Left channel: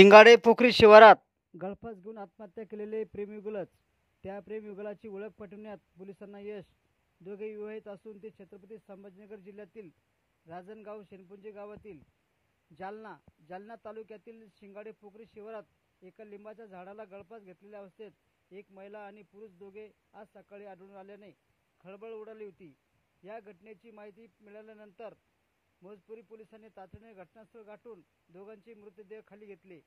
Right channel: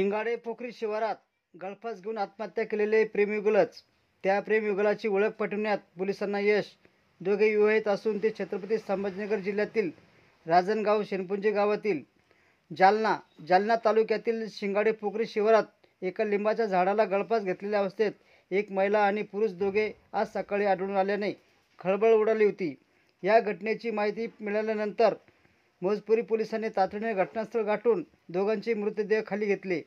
शिंगाडे पोखरी शिवारात गळफास घेऊन आत्महत्या केलेले प्रेमयुगलच. त्या प्रेमयुगलाची ओळख पटवण्यात पोलिसांना यश. दोघे विवाहित असून ते छत्रपती संभाजीनगर जिल्ह्यातील राजनगाव शेणपुंजे गावातील जालना तालुक्यातील शिंगाडे पोखरी शिवारात एका लिंबाच्या झाडाला गळफास घेतलेल्या अवस्थेत एक महिला आणि पुरुष दोघे आज सकाळी आढळून आल्याने खळबळ उडाली होती. या घटनेची माहिती मिळाल्यानंतर मोजपुरी पोलिसांनी तातडीने घटनास्थळ गाठून दोघांचे मृतदेह खाली घेतले.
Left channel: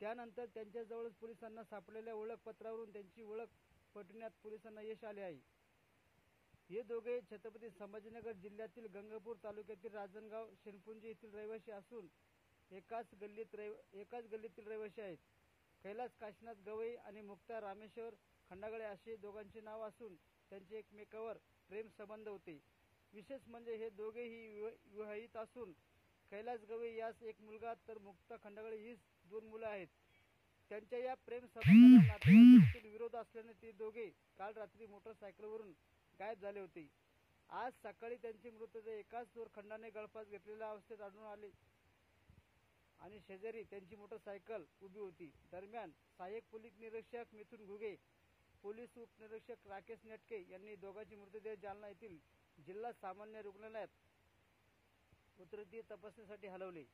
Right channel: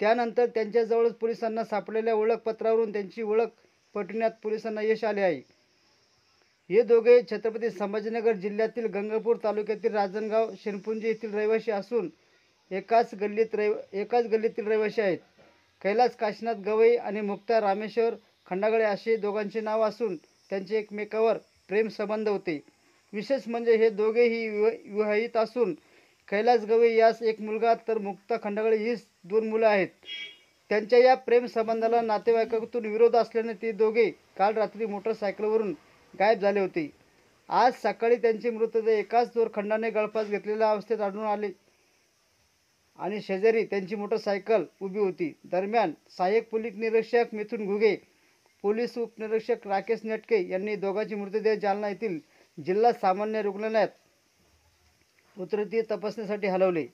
त्यानंतर त्यांच्याजवळच पोलिसांना सापडलेल्या ओळखपत्रावरून त्यांची ओळख पटवण्यात पोलिसांना यश आले आहे. हे दोघे छत्रपती संभाजीनगर जिल्ह्यातील गंगापूर तालुक्यातील राजनगाव शेणपुंजे येथील रहिवासी असून एकाच गल्लीतील रहिवासी आहेत. कैलास काशीनाथ गवई आणि मुक्ता रामेश्वर खंडागळे असे दोघांचे नाव असून त्यांचे एकमेकावर प्रेम संबंध होते. विशेष म्हणजे हे दोघेही विवाहित असून कैलास गवई यास एक मुलगा तर मुक्ता खंडागळे हीच 2 मुलं आहेत. त्यांच्या या प्रेम संबंधाला नातेवाईकातून विरोध असल्याने ते दोघे काल रात्री मोटरसायकलवरून गायब झाले होते. आज सकाळी त्यांचे मृतदेह एकाच दोरखंडाने गळफास घेतलेल्या अवस्थेत आढळून आले आणि शेजारी त्यांची मोटरसायकल उभी होती. दरम्यान सहाय्यक पोलीस निरीक्षक मिथुन घुगे, पोलीस उपनिरीक्षक राकेश नेटके यांनी दोघांचे मृतदेह जालना येथील जिल्हा सामान्य रुग्णालयात उत्तरीय तपासणीसाठी हलवले.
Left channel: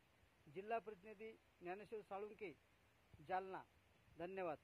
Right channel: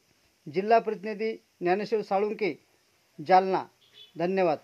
जिल्हा प्रतिनिधी ज्ञानेश्वर साळुंके, जालना. धन्यवाद.